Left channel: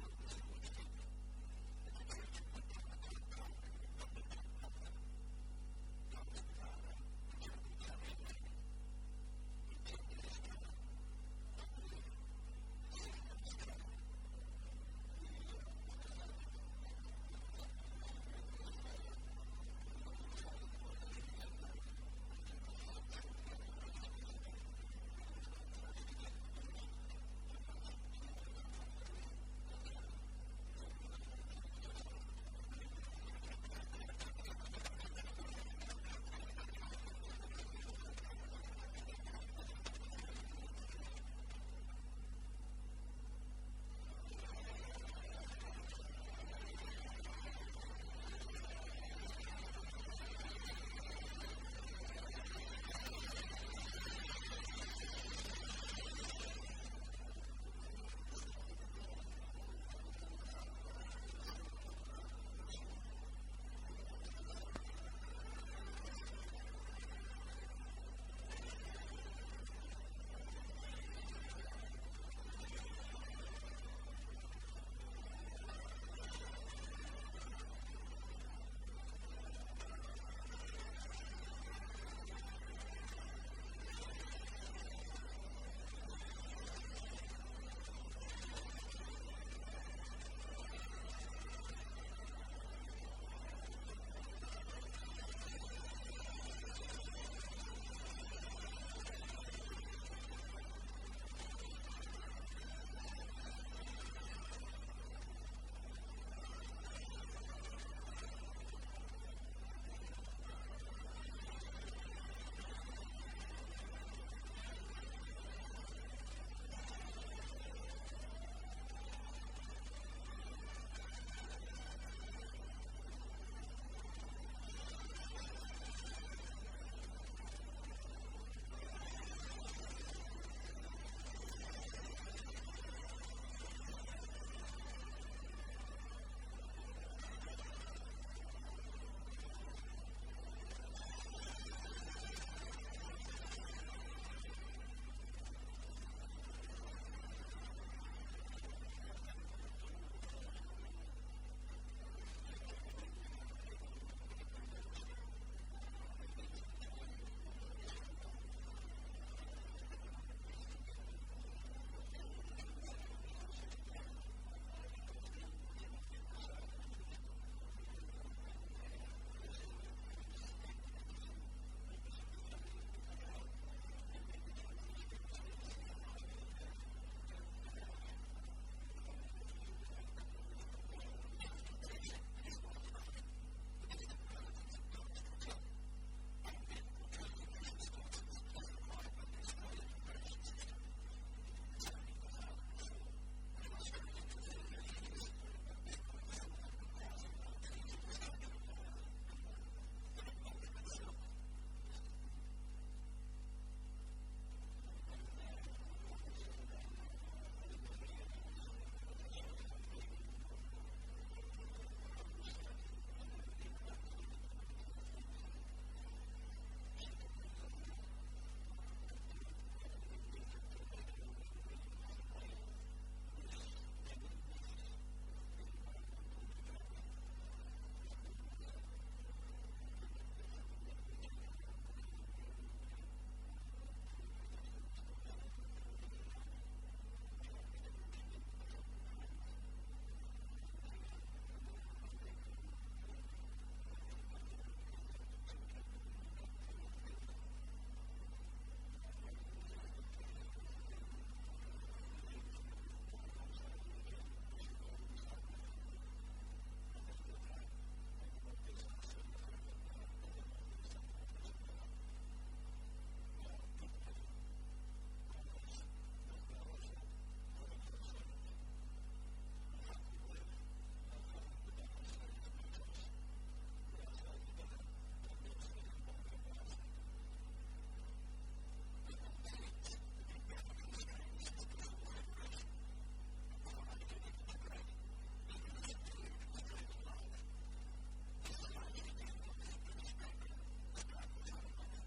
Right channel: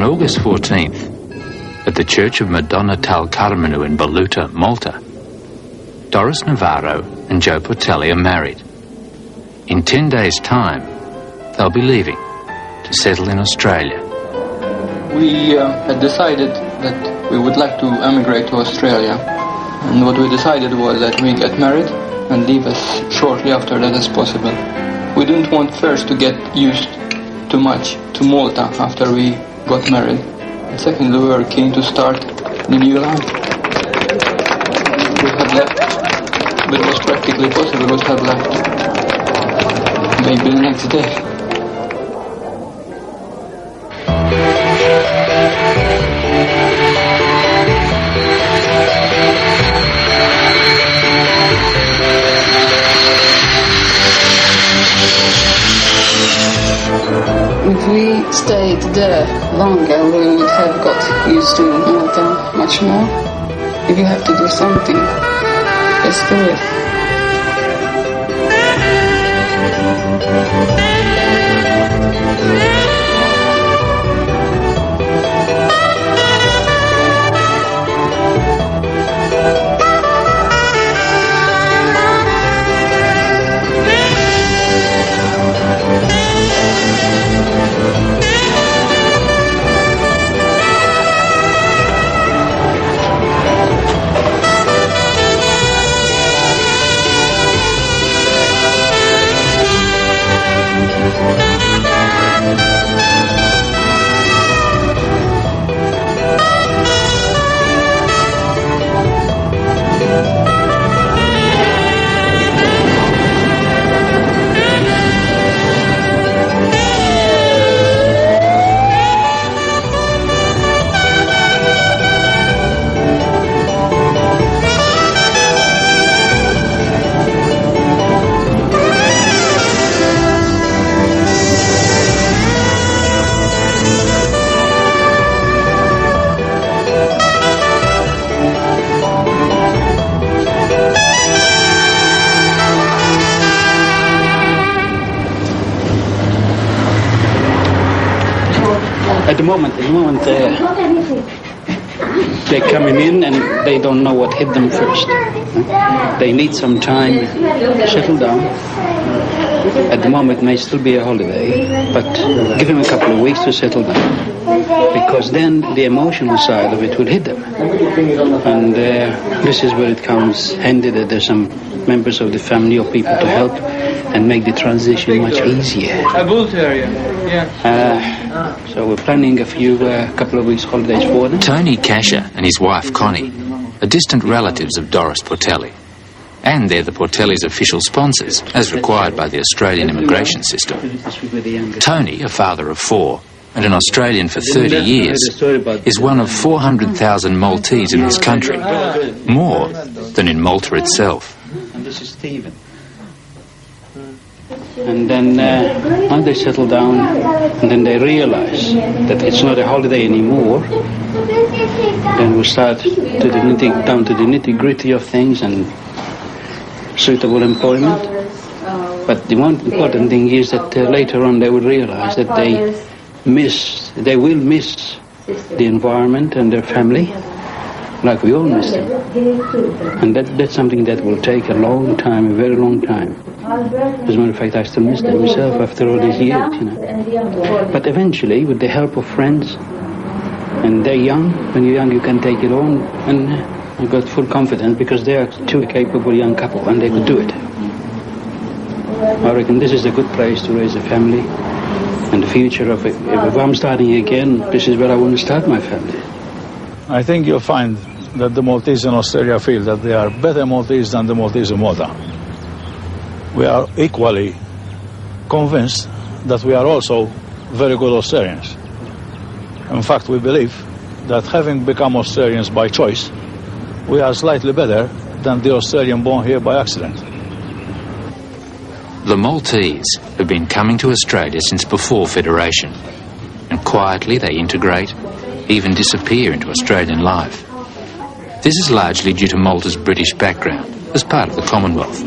On August 14th, at the Church of Madonna Tal Carmenu in Baluta, Malta, Doris Navarro and Joe Portelli are married. In 10 days' time, they'll be leaving to settle in Australia. We had decided that we would like to emigrate to Australia. And what we decided was that we get married and leave as shortly after that as possible. We didn't want first to get used too much to Malta after we got married. And secondly, we were keen to start the new life. We had left, but it was practically possible, we would have left maybe the next day. If we stayed there longer, we would have got used to Malta much more. If you have to do something, just do it. At the moment, they're coming in and they don't know what hit them first. They need some time to settle down. At the moment, it may still be a holiday, but give them a couple of weeks to settle down, because then the emotional side of it will hit them. And this is where it comes handy that there's some members of the family or people to help and make the transition much easier. A bull terrier, yeah. So we're planning a couple of weeks holidays for them. Tony Casher and his wife Connie are distant relatives of Doris Portelli, and they're the Portellis' official sponsors, as required by the Australian immigration system. Tony, a father of 4 and an Australian for 30 years, is one of 400,000 Maltese in his country, more than in Malta itself. And this is Stephen. And then once they settle down, and then they realize that it's not a holiday anymore, then we start down to the nitty-gritty of things and suitable employment. But the one important thing is that later on they will realize that they will miss the environment and their family, like we all miss them. And that's something that will take a long time, a very long time. As a matter of fact, I still miss them myself after all these years, But eventually, with the help of friends, and they're young, when you're young you can take it on, and I've got full confidence because they are two capable young couple and they could do it. I reckon this is a good place to raise a family, and the future of it. If I'm starting again, this is where I want to start my family. I think you'll find that the Maltese in Australia feel that they are better Maltese than the Maltese in Malta. We are equally convinced that we are also very good Australians. In fact, we believe that having become Australians by choice, we are slightly better than the Australian born here by accident. The Maltese have been coming to Australia since before Federation, and quietly they integrate, even disappear into Australian life. This is largely due to Malta's British background as part of the Commonwealth,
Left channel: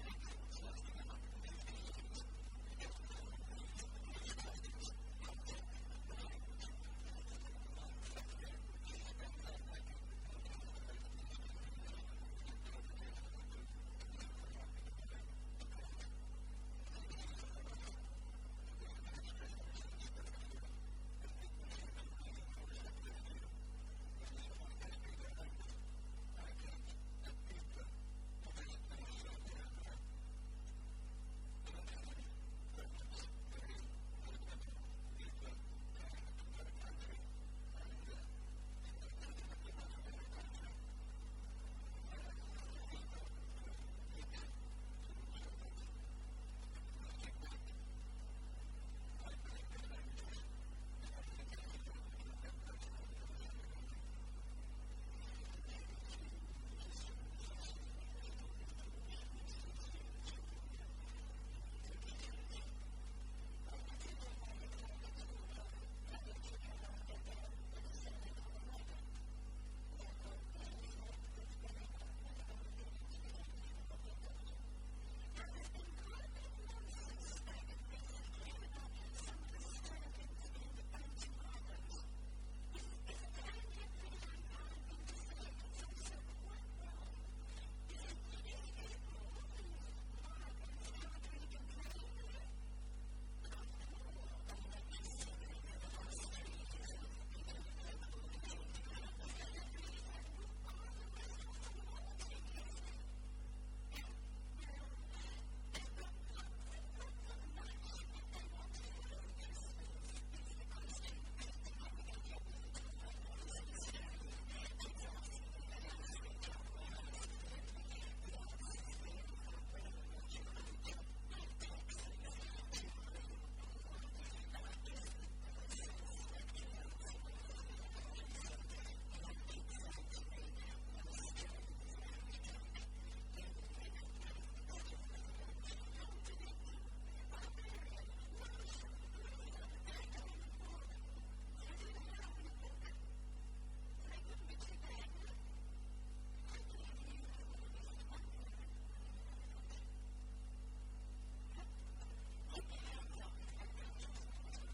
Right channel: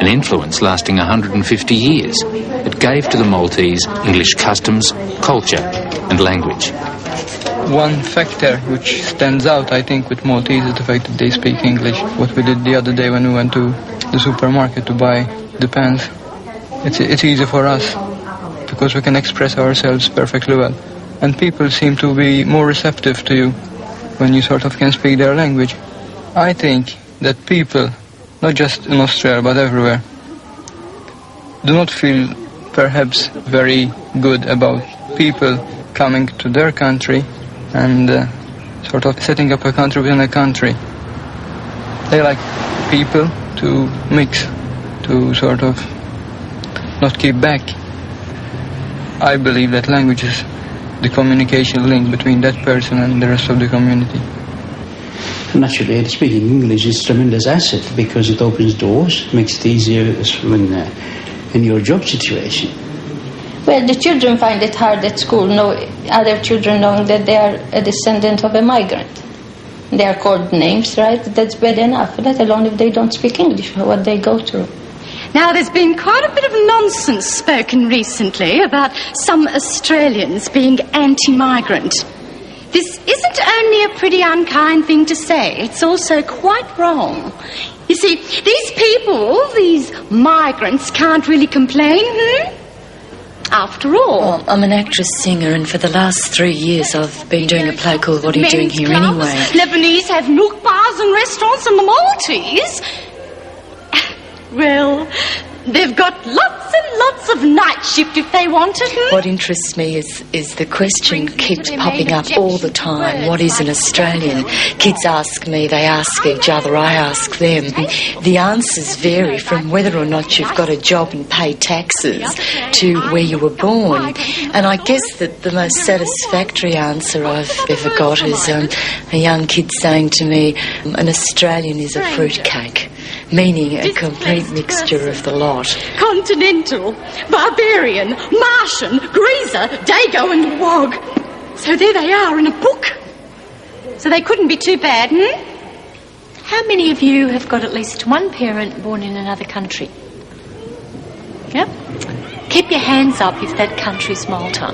an influence lasting 150 years. It gave to the Maltese English customs, culture and language. one factor which stands out, I think, with Maltese is the fact that they speak English. What we did the other day when we went to the supermarket to buy the pens, it's easy for us because we can express ourselves perfectly well. And people seem to be more receptive to you when you sort of can speak their language. I think that people, not just in Australia but everywhere, do not feel perhaps very good about people coming to their country and sort of setting up a country within a country. They like people to mix, to sort of not keep back. I believe that language is the communication link between that person and the rest of the community. Naturally, speaking English is a tremendous asset because it opens doors, makes it easier when in your job situation. Well, the children find it hard at school, other children knowing that they are a descendant of a migrant. They are called names, right? That's bad enough, let alone if they don't speak English, what they go through. Now, there's been quite a bit of nonsense spoken recently about some Australians being anti-migrant. This isn't only a pretty unkind thing to say, it's also quite wrong. You see, these people, these migrants, can't really complain, After all. Well, I'm an actress-singer, and for the last 3 years I've been doing a play called What Are You Doing Here Clubs, Anyway? Lebanese have nook bars and restaurants, and the Maltese, well, they've got lots and lots of night shift if they want it. What interests me is the question keeps popping up all the time. What is an Australian? Kids ask me, they ask each other, I ask them. The answers vary from whether or not you've got a job and pay taxes to where you were born. And I guess that the most satisfactory answer I've ever got is a young kid saying to me, an Australian is a fruitcake, meaning a complete mixture of the lot. Continental, barbarian, Martian, greaser, Dago and Wog. So there they are in a book. So they couldn't be too bad, How many of you have got at least one parent born in another country? Yep. Keep your hands up if that country's Malta.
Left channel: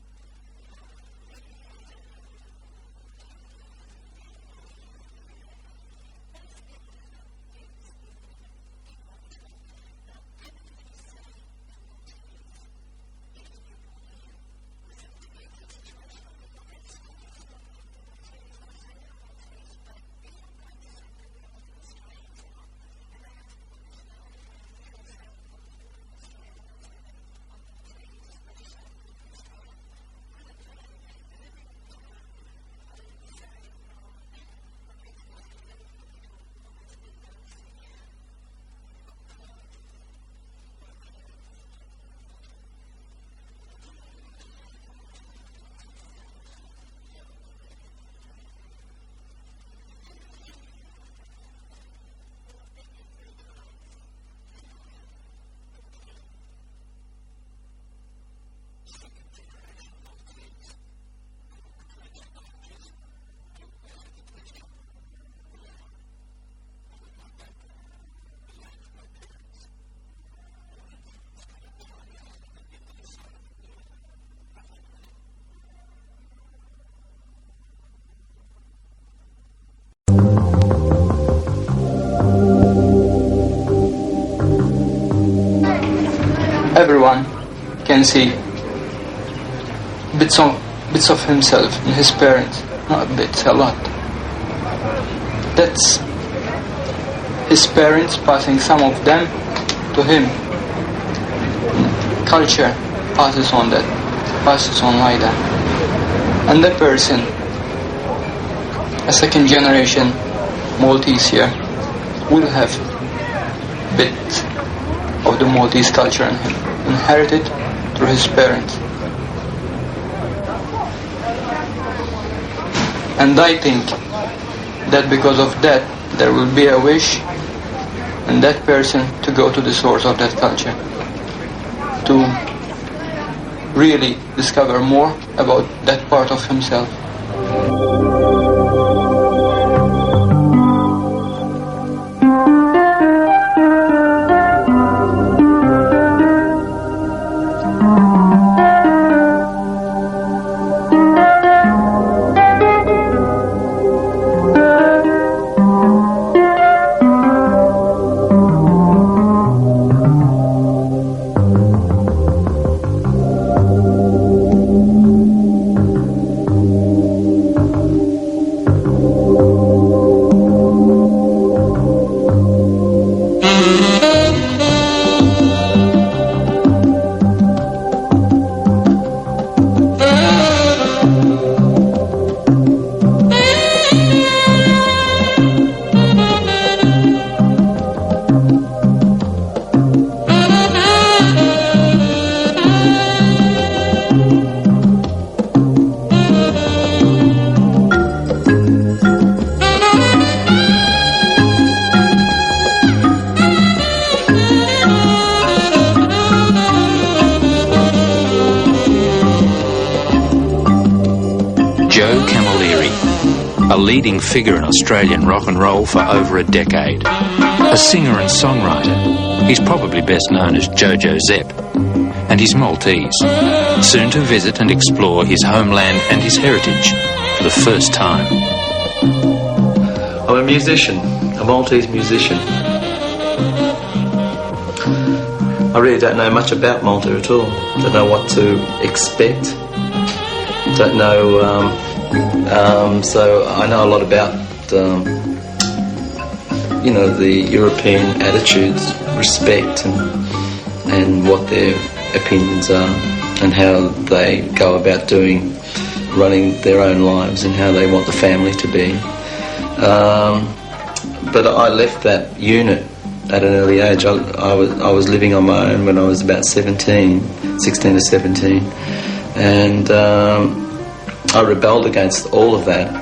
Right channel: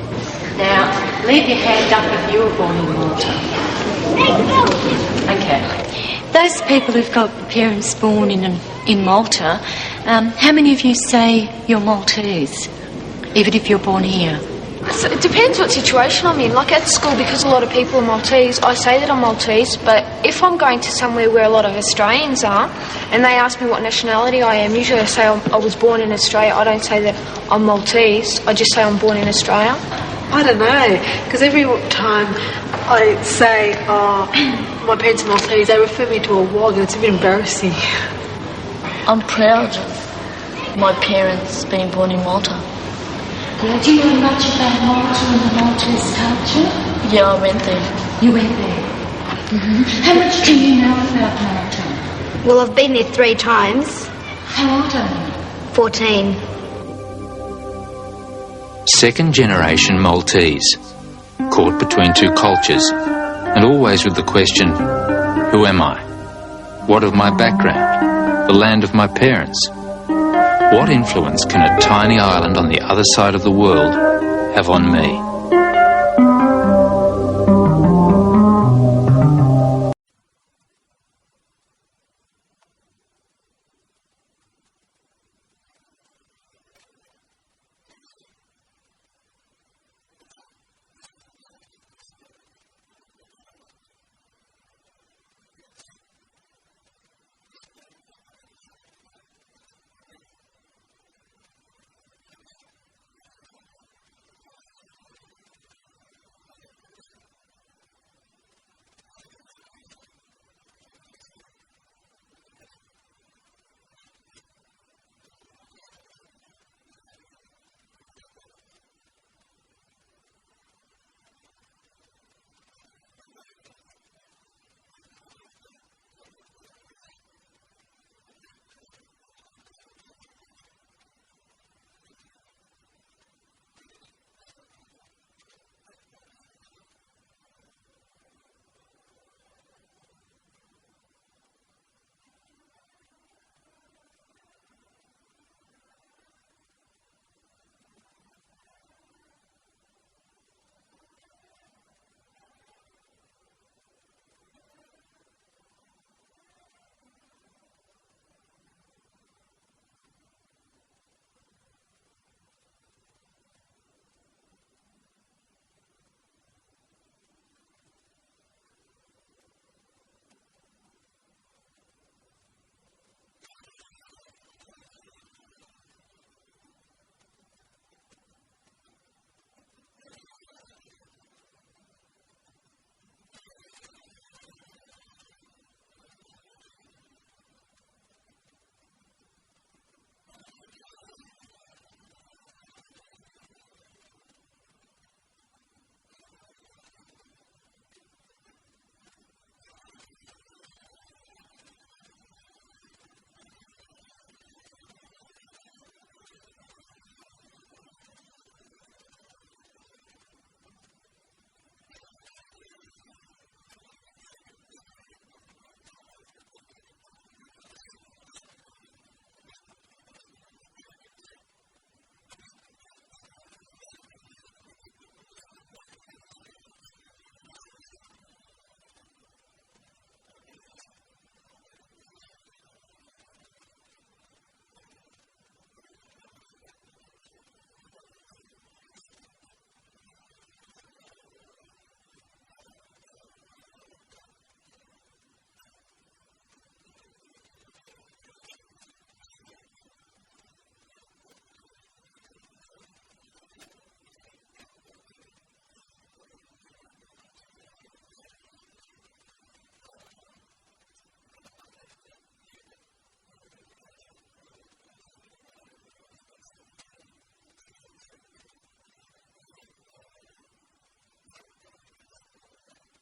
Now, leave your hand up if you were born in Malta. Okay. Those people who've got parents born in Malta, how many of you say you're Maltese, even if you're born here? So it depends what situation I'm in. Like at school, because a lot of people are Maltese, I say that I'm Maltese, but if I'm going to somewhere where a lot of Australians are, and they ask me what nationality I am, usually I say I was born in Australia. I don't say that I'm Maltese, I just say I'm born in Australia. I don't know, because every time I say, my parents are Maltese, they refer me to a wog, and it's a bit embarrassing. I'm proud of my parents being born in Malta. Yeah, do you know much about Malta and the Maltese culture? Yeah, I went there. You went there? Mm-hmm. How much do you know about Malta? Well, I've been there 3 times. How old are you? 14. Second generation Maltese, caught between two cultures, and always with the question, who am I? What of my background? The land of my parents? What influence can a tiny island on the other side of the world have on me? Everyone can see bits of himself in his parents. Not bits, a lot. That's his parents passing some of them to him. Culture passes on like that. And the person, a second generation Maltese here, will have bits of the Maltese culture in him, inherited through his parents. And I think that because of that, there will be a wish in that person to go to the source of that culture, to really discover more about that part of himself. a leading figure in Australian rock and roll for over a decade. A singer and songwriter, he's probably best known as Jojo Zepp, and he's Maltese, soon to visit and explore his homeland and his heritage for the first time. I'm a musician, a Maltese musician. I really don't know much about Malta at all. Don't know what to expect. Don't know, so I know a lot about, you know, the European attitudes, respect and what their opinions are and how they go about running their own lives and how they want the family to be. But I left that unit at an early age. I was living on my own when I was about 16 to 17, and I rebelled against all of that.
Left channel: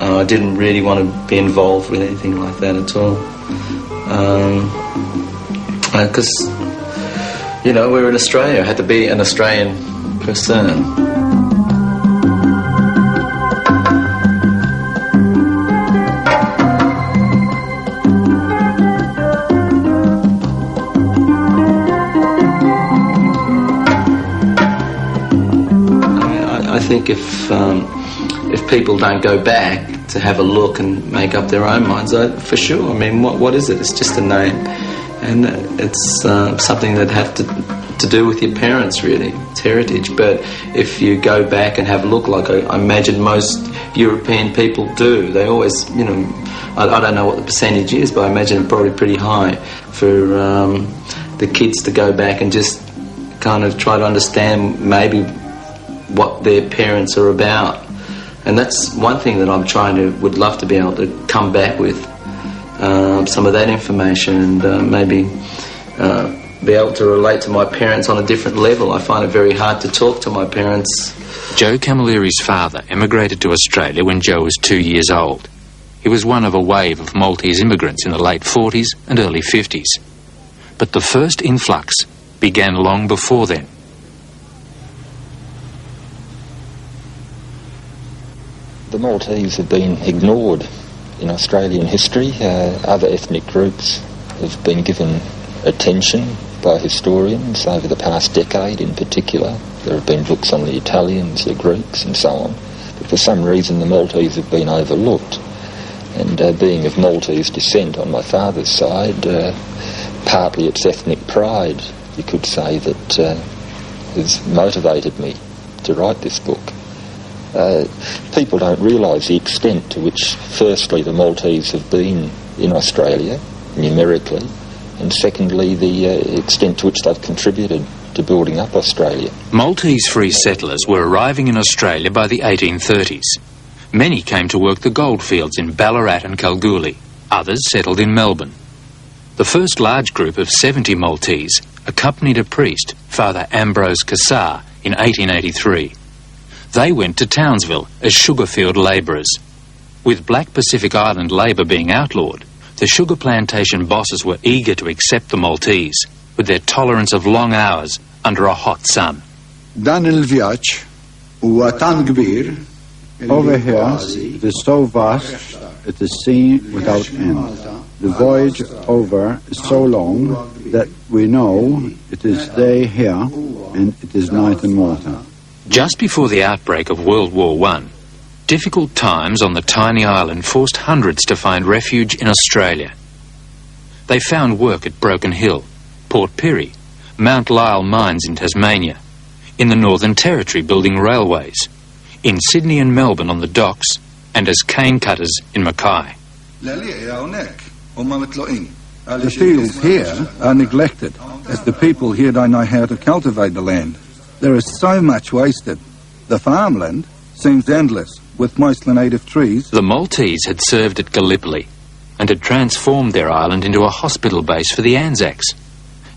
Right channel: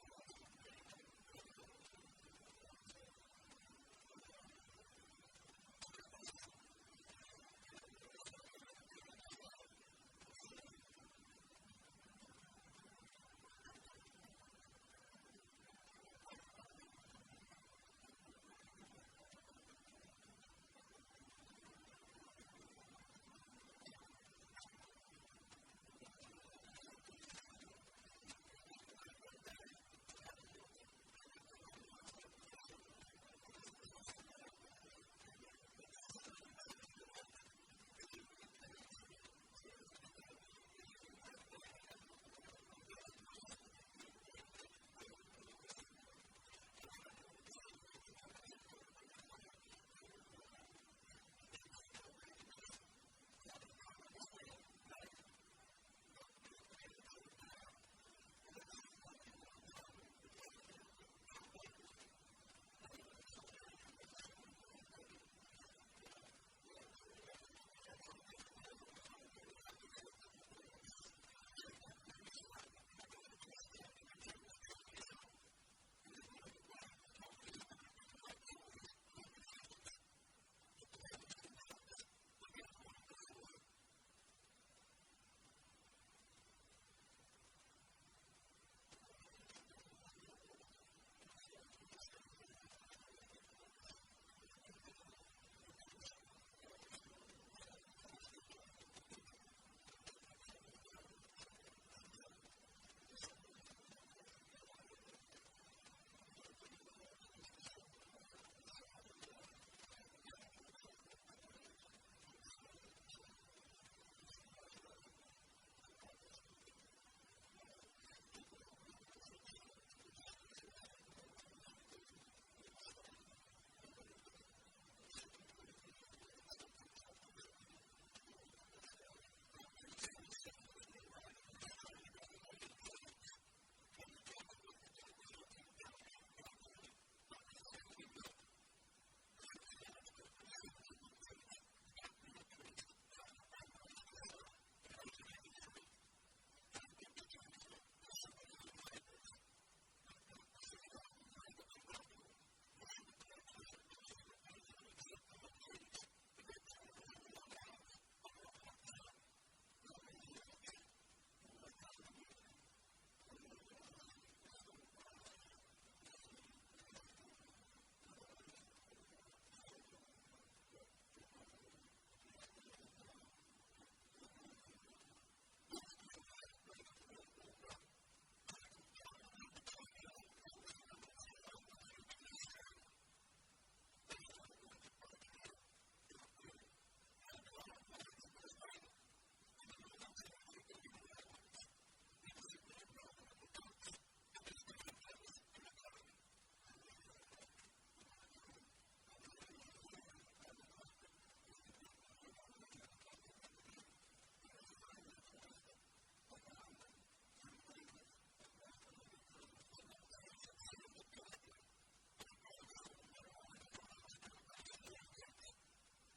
I didn't really want to be involved with anything like that at all, because you know, we're in Australia. I had to be an Australian person. I think if people don't go back to have a look and make up their own minds, for sure. I mean, what is it? It's just a name, and it's something that have to do with your parents, really. It's heritage. But if you go back and have a look, like I imagine most European people do, they always, you know, I don't know what the percentage is, but I imagine it's probably pretty high for the kids to go back and just kind of try to understand maybe what their parents are about. And that's one thing that would love to be able to come back with, some of that information, and maybe be able to relate to my parents on a different level. I find it very hard to talk to my parents. Joe Camilleri's father emigrated to Australia when Joe was 2 years old. He was one of a wave of Maltese immigrants in the late 40s and early 50s. But the first influx began long before then. The Maltese have been ignored in Australian history. Other ethnic groups have been given attention by historians over the past decade in particular. There have been books on the Italians, the Greeks and so on. But for some reason the Maltese have been overlooked. And being of Maltese descent on my father's side, partly it's ethnic pride, you could say, that has motivated me to write this book. People don't realise the extent to which, firstly, the Maltese have been in Australia, numerically, and secondly, the extent to which they've contributed to building up Australia. Maltese free settlers were arriving in Australia by the 1830s. Many came to work the goldfields in Ballarat and Kalgoorlie. Others settled in Melbourne. The first large group of 70 Maltese accompanied a priest, Father Ambrose Cassar, in 1883. They went to Townsville as sugarfield labourers. With Black Pacific Island labour being outlawed, the sugar plantation bosses were eager to accept the Maltese, with their tolerance of long hours under a hot sun. Over here, it is so vast, it is seen without end. The voyage over is so long that we know it is day here and it is night in Malta. Just before the outbreak of World War I, difficult times on the tiny island forced hundreds to find refuge in Australia. They found work at Broken Hill, Port Pirie, Mount Lyell mines in Tasmania, in the Northern Territory building railways, in Sydney and Melbourne on the docks, and as cane cutters in Mackay. The fields here are neglected, as the people here don't know how to cultivate the land. There is so much wasted. The farmland seems endless, with mostly native trees. The Maltese had served at Gallipoli and had transformed their island into a hospital base for the Anzacs.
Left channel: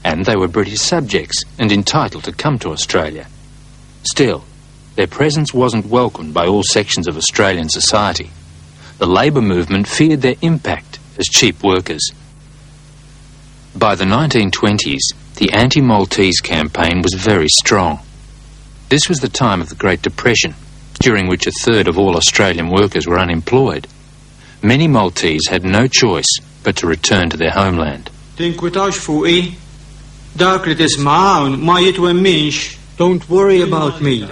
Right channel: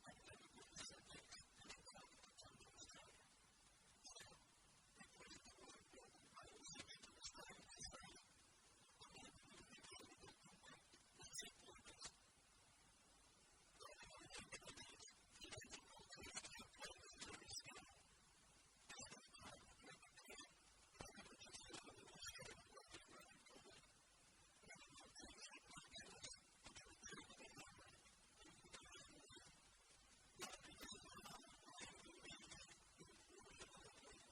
And they were British subjects and entitled to come to Australia. Still, their presence wasn't welcomed by all sections of Australian society. The labour movement feared their impact as cheap workers. By the 1920s, the anti-Maltese campaign was very strong. This was the time of the Great Depression, during which a third of all Australian workers were unemployed, many Maltese had no choice but to return to their homeland. Don't worry about me.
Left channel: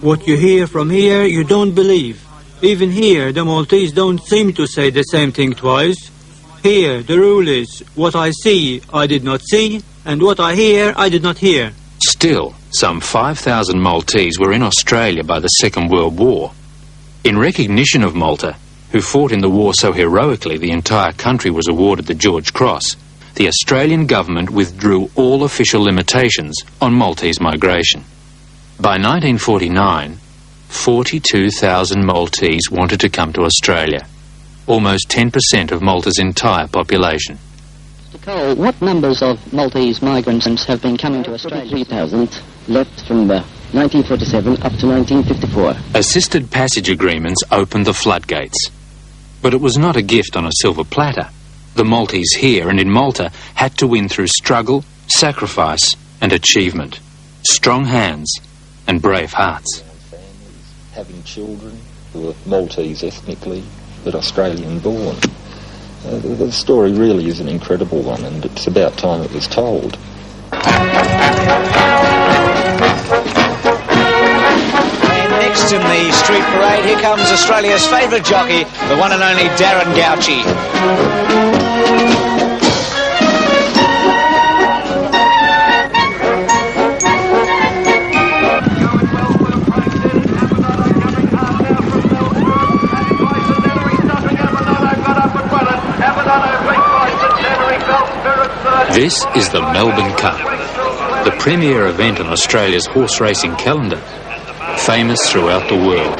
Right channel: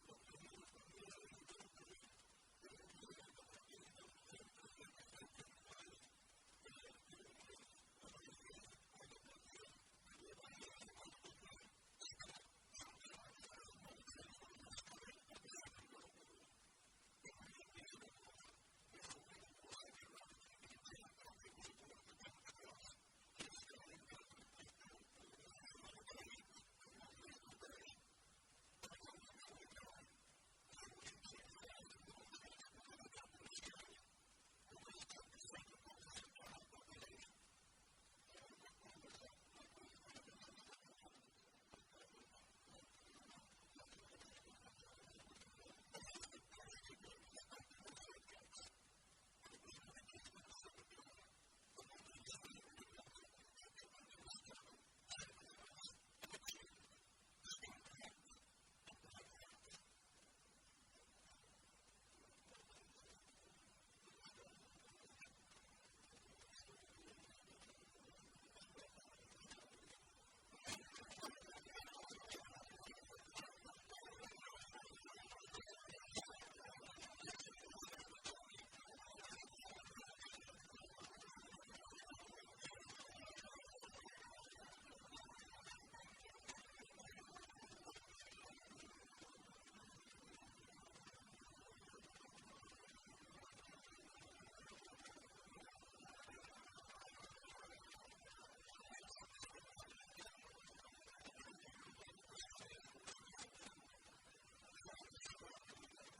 What you hear from here, you don't believe. Even here, the Maltese don't seem to say the same thing twice. Here, the rule is, what I see, I did not see, and what I hear, I did not hear. Still, some 5,000 Maltese were in Australia by the Second World War. In recognition of Malta, who fought in the war so heroically the entire country was awarded the George Cross, the Australian government withdrew all official limitations on Maltese migration. By 1949, 42,000 Maltese wanted to come to Australia, almost 10% of Malta's entire population. Mr. Cole, what numbers of Maltese migrants have been coming to Australia? 3,000 left from 1947 up to 1954. Assisted passage agreements opened the floodgates. But it was not a gift on a silver platter. The Maltese here and in Malta had to win through struggle, sacrifice and achievement. Strong hands and brave hearts. Having children who were Maltese ethnically, but Australian born. The story really is an incredible one, and it's about time it was told. And next in the street parade, here comes Australia's favourite jockey, the one and only Darren Gauci. This is the Melbourne Cup, the premier event on Australia's horse racing calendar, famous throughout the world.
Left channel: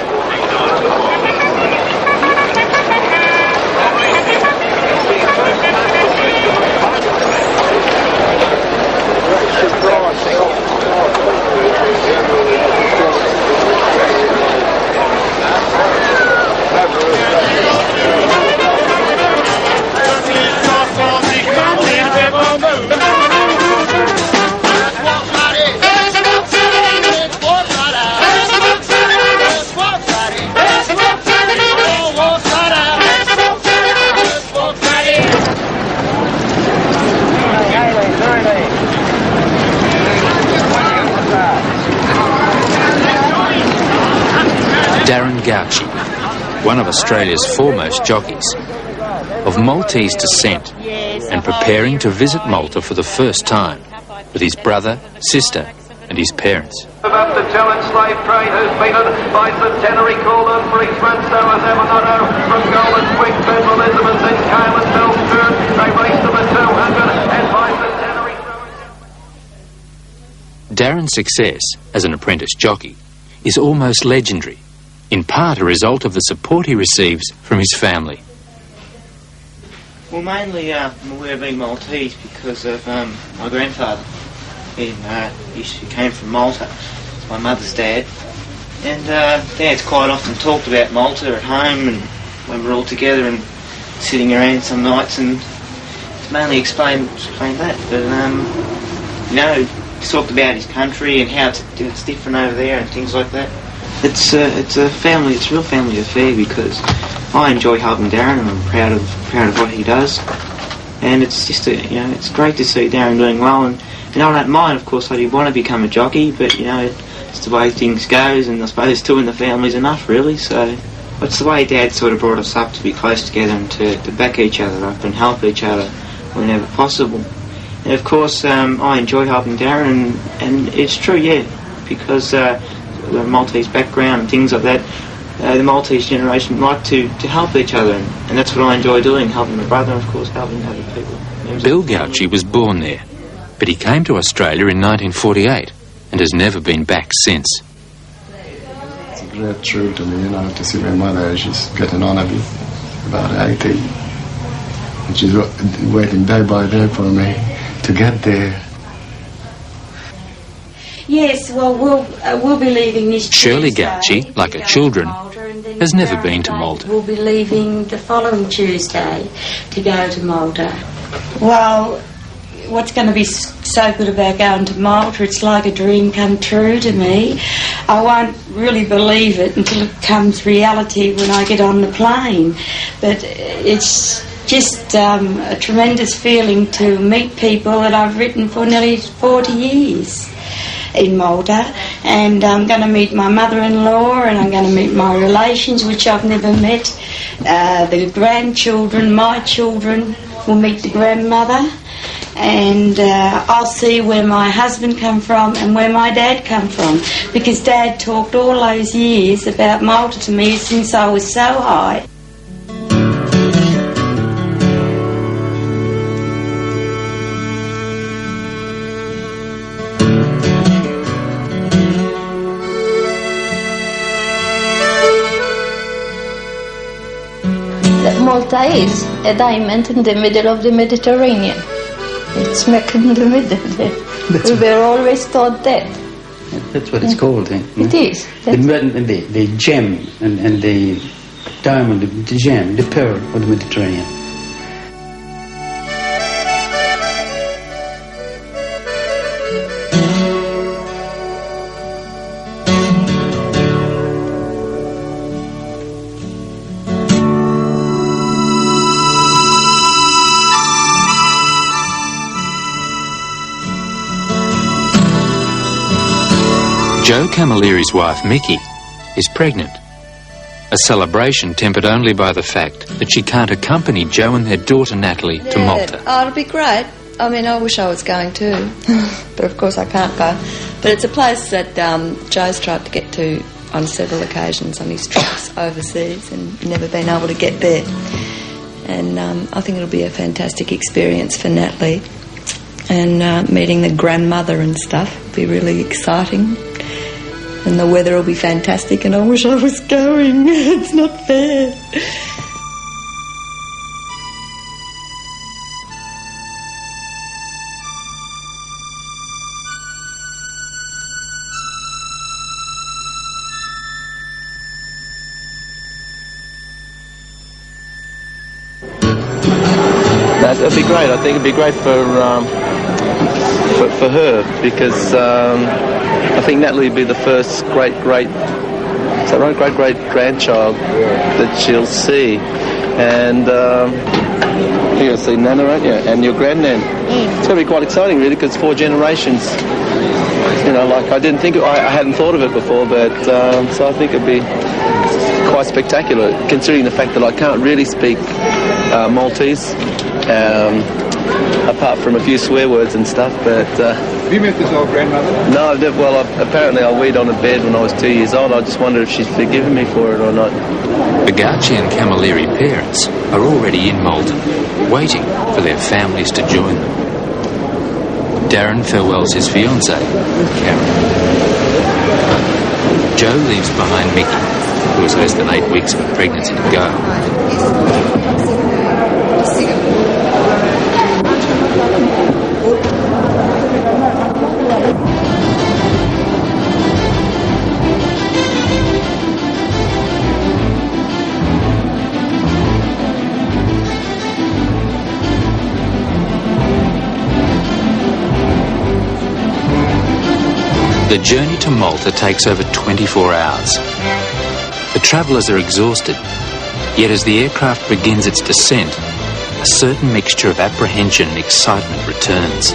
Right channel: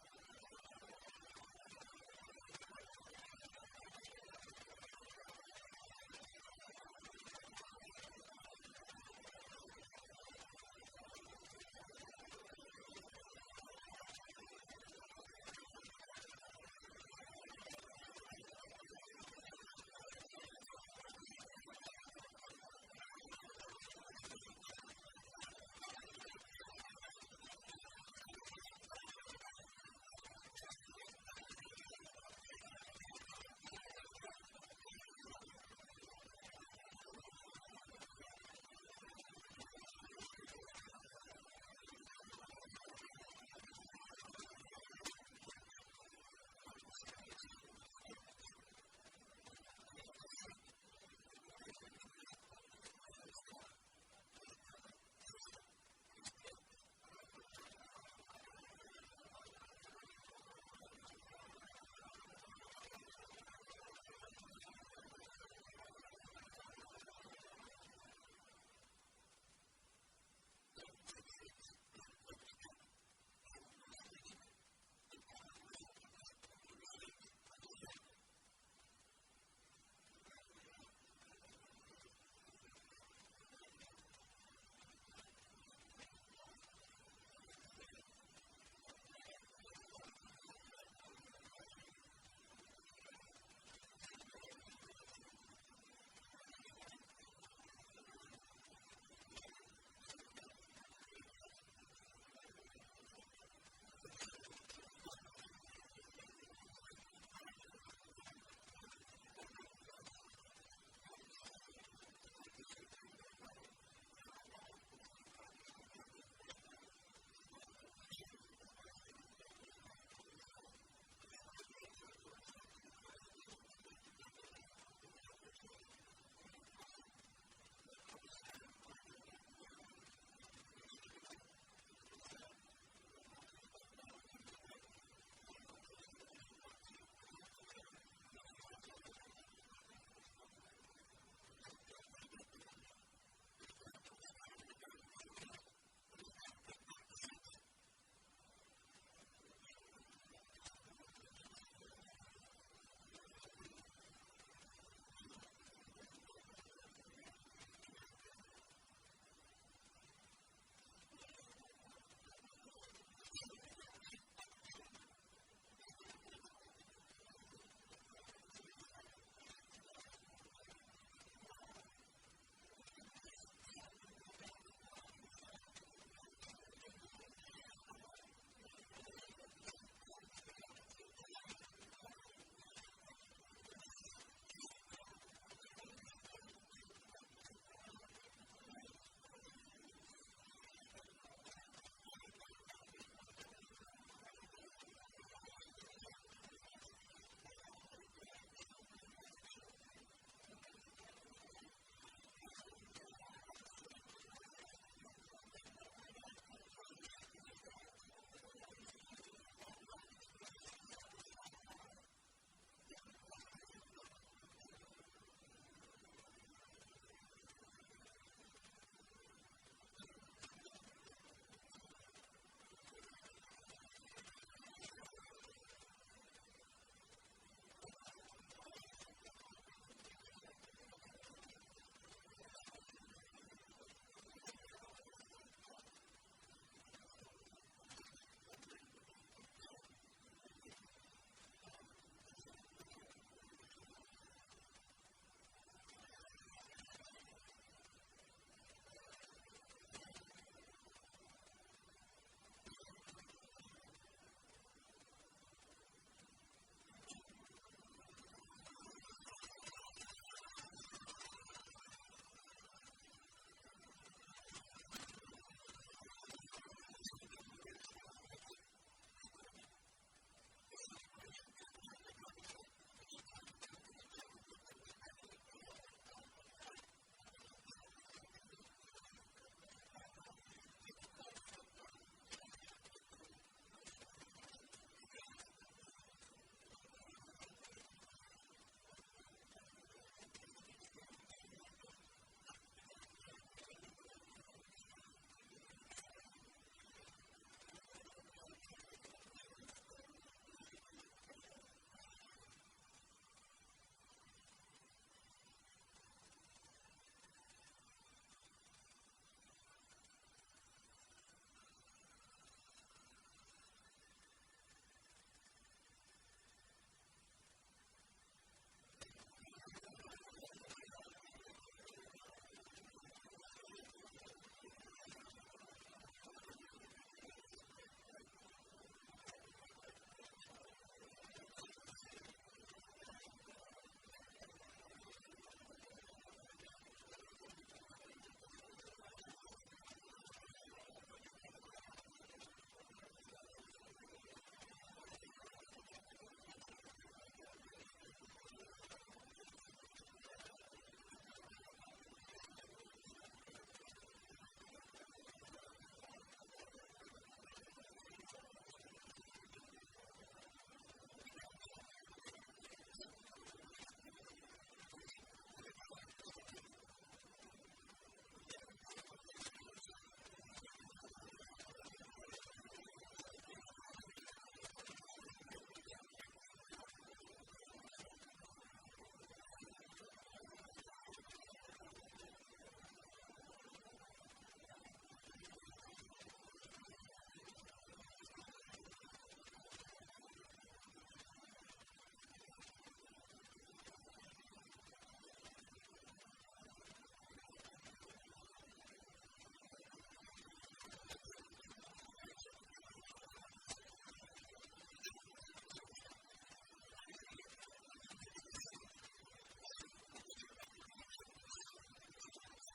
One of Australia's foremost jockeys, of Maltese descent and preparing to visit Malta for the first time with his brother, sister and his parents. About the challenge slave trade who's beaten by Centenary Cooler, Brisbane, Stowers, Evernoto, from Golden Quick, Ben Elizabeth, then Kyle and Bellstern. They race to the 200 and by Centenary. Darren's success as an apprentice jockey is almost legendary, in part a result of the support he receives from his family. Well, mainly I'm aware of being Maltese because of my grandfather. He came from Malta. It's my mother's dad. And Dad's quite often talked about Malta at home and when we're all together and sitting around some nights, and it's mainly explain that. But, he's talked about his country and how it's different over there and things like that. It's a real family affair because I enjoy helping Darren and I'm proud of what he does. And it's just it's great to see Darren doing well, and I don't mind, of course, I did want to become a jockey, but it's the way things goes, and I suppose two in the family's enough really, so it's the way Dad sort of brought us up to be close together and to back each other up and help each other whenever possible. And of course I enjoy helping Darren, and it's true, because the Maltese background and things like that, the Maltese generation like to help each other, and that's what I enjoy doing, helping my brother and of course helping other people. Bill Gauci was born there, but he came to Australia in 1948 and has never been back since. It's a great treat to me, to see my mother. She's getting on a bit, about 80, and she's waiting day by day for me to get there. Yes, well, we'll be leaving this Shirley Tuesday Gauci, like her children, has never been to Malta. We'll be leaving the following Tuesday to go to Malta. Well, what's going to be so good about going to Malta? It's like a dream come true to me. I won't really believe it until it becomes reality when I get on the plane. But it's just a tremendous feeling to meet people that I've written for nearly 40 years in Malta. And I'm going to meet my mother-in-law, and I'm going to meet my relations, which I've never met. The grandchildren, my children, will meet the grandmother. And I'll see where my husband come from and where my dad come from, because Dad talked all those years about Malta to me since I was so high. Malta is a diamond in the middle of the Mediterranean. It's smack in the middle there. We were always taught that. That's what it's called. It is. The gem and the diamond, the gem, the pearl of the Mediterranean. Joe Camilleri's wife, Mickey, is pregnant. A celebration tempered only by the fact that she can't accompany Joe and their daughter, Natalie, to Malta. Oh, it'll be great. I mean, I wish I was going too, but of course I can't go. But it's a place that Joe's tried to get to on several occasions on his trips overseas and never been able to get there. And I think it'll be a fantastic experience for Natalie. And meeting the grandmother and stuff will be really exciting. And the weather will be fantastic, and I wish I was going. It's not fair. That'd be great. I think it'd be great for her, because I think Natalie would be the first great-grandchild that she'll see. And you're going to see Nana, aren't you? And your grandnan. It's going to be quite exciting, really, because 4 generations. You know, like I hadn't thought of it before, but so I think it'd be quite spectacular, considering the fact that I can't really speak Maltese. Apart from a few swear words and stuff, but... Have you met this old grandmother? No, apparently I weed on a bed when I was 2 years old. I just wondered if she's forgiven me for it or not. Bagaci and Camilleri parents are already in Malta, waiting for their families to join them. Darren farewells his fiancée, Karen. Joe leaves behind Mickey, who has less than 8 weeks of a pregnancy to go. The journey to Malta takes over 24 hours. The travellers are exhausted, yet as the aircraft begins its descent, a certain mixture of apprehension and excitement returns.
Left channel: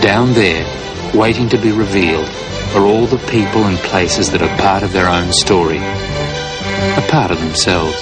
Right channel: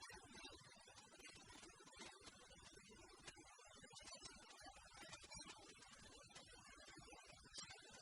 Down there, waiting to be revealed, are all the people and places that are part of their own story, a part of themselves.